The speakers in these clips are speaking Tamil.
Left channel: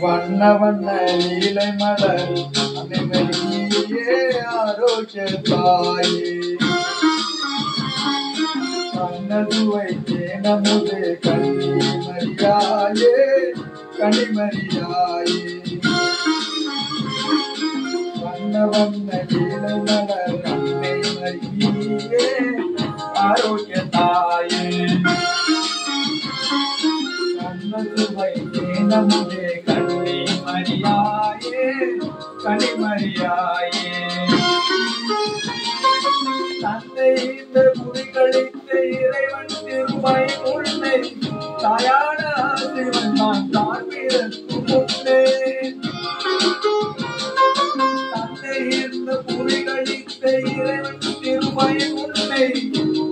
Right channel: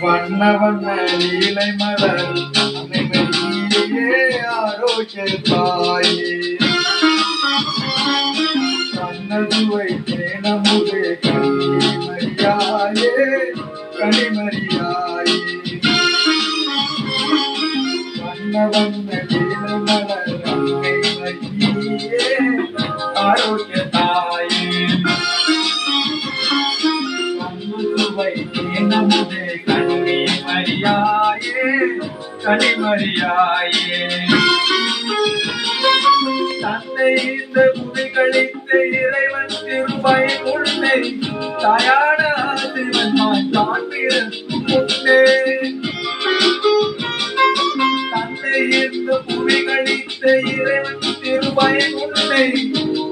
வண்ண வண்ண லீலை மலர் அன்னையே ஆரோக்கிய தாயே கண்ணதுவை தேனமுதே கனிமரியாயே கனிமரியாயே வண்ண வண்ண லீலை மலர் அன்னை மரியே ஆரோக்கிய தாயே கண்ணதுவை தேனமுதே கனிமரியாயே கனிமரியாயே தந்தை இந்த புதிகளித்த இறைவன் திருவை உன்னை தாயான ஆசிவன் தான் பிறக்கும் முன்னே தந்தை இந்த புதிகளித்த இறைவன் திருவை உன்னை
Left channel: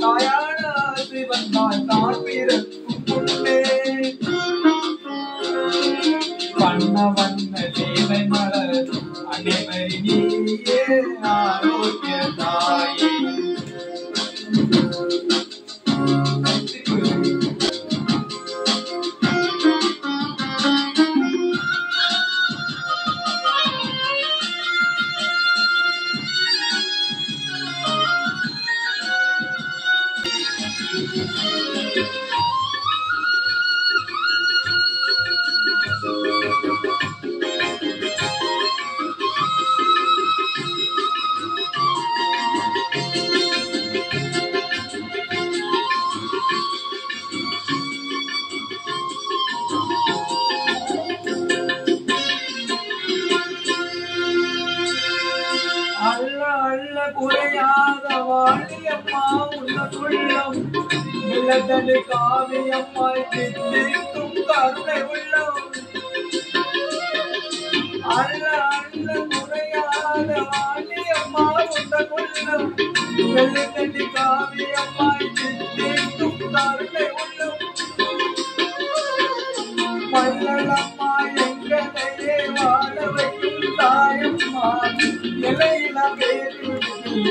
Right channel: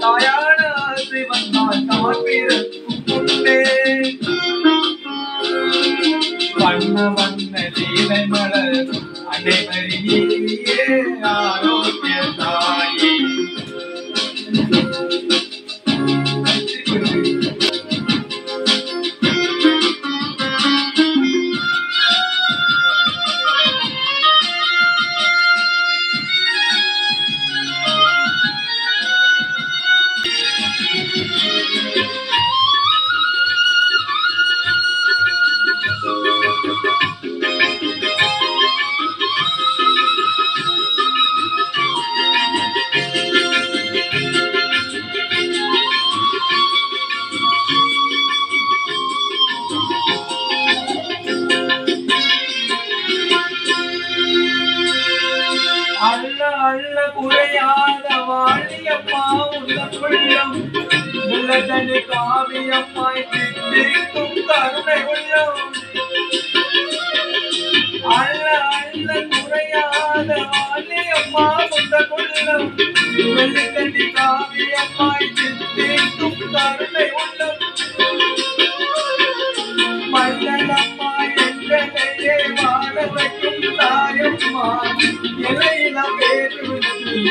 தாயான ஆசிவன் தான் பிறக்கும் முன்னே வண்ண வண்ண லீலை மலர் அனைவரியே ஆரோக்கிய தாயே அல்ல அல்ல குறையாத வாழியம்மா உள்ளம் உள்ளதனு காவியம்மாய் தித்திக்கும் கருணை உள்ளம் அல்ல அல்ல குறையாத வாழியம்மா உள்ளம் உள்ளதனு காவியம்மாய் தித்திக்கும் கருணை உள்ளம் மல்லம்மா எங்களையே வாழ வைக்கும் தாயம்மா இலையிலா பேரு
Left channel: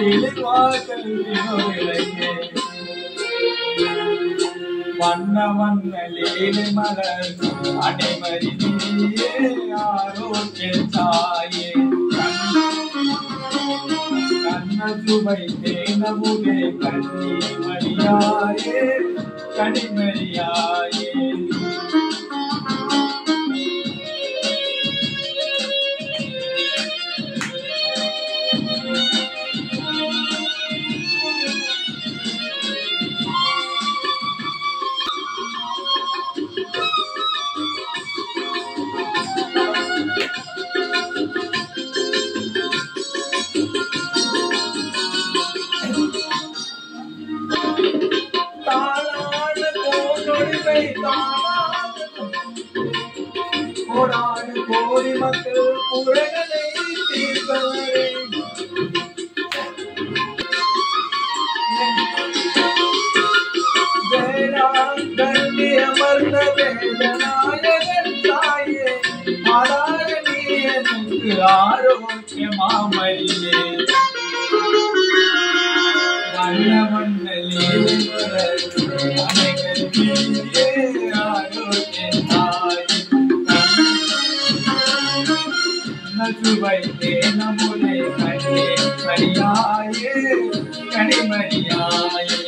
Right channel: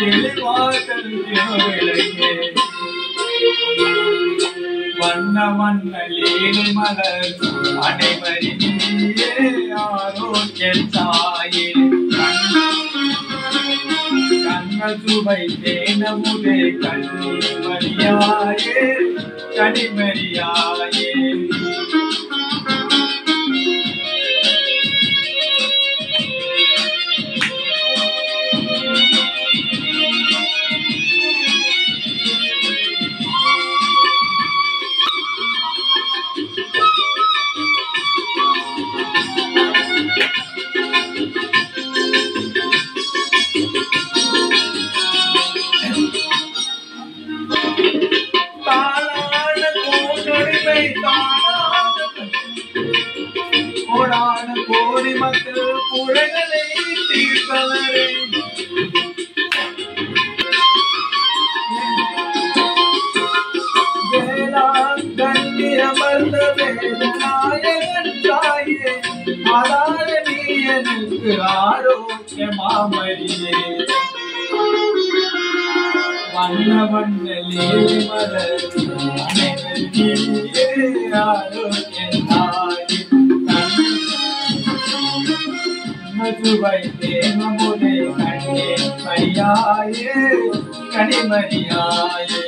எளிவாசல் விளையே வண்ண வண்ண லீலை மலர் அனைவரியே ஆரோக்கிய தாயே கண்ணசுவை தேனமுதே கனிமரியாயே கனிமரியாயே கோடான கோடி மக்கள் குறைகளை தீர்ப்பவரே வேளாங்கண்ணி அமர்ந்த வேதநாயகன் தாயே ஆளாத நீ எனக்கு ஆரோக்கிய மாமரியே வண்ண வண்ண லீலை மலர் அனைவரியே ஆரோக்கிய தாயே கண்ணசுவை தேனமுதே கனிமரியாயே கனிமரியாயே